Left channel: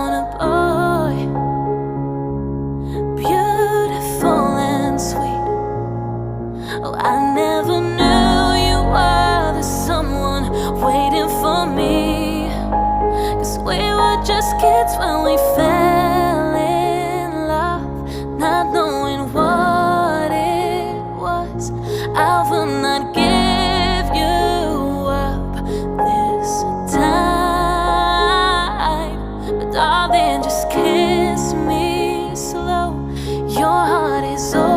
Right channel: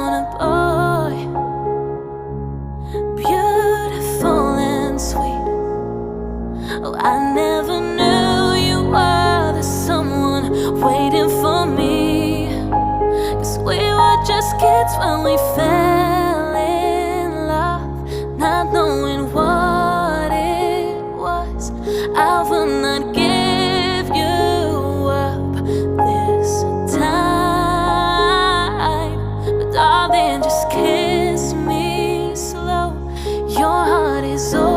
On a boy, beautiful and sweet. Oh, I never knew you were the someone waiting for me. 'Cause we were just kids when we fell in love, not knowing what it was. I will not give you up this time, but darling, just kiss me slow. Your heart is open.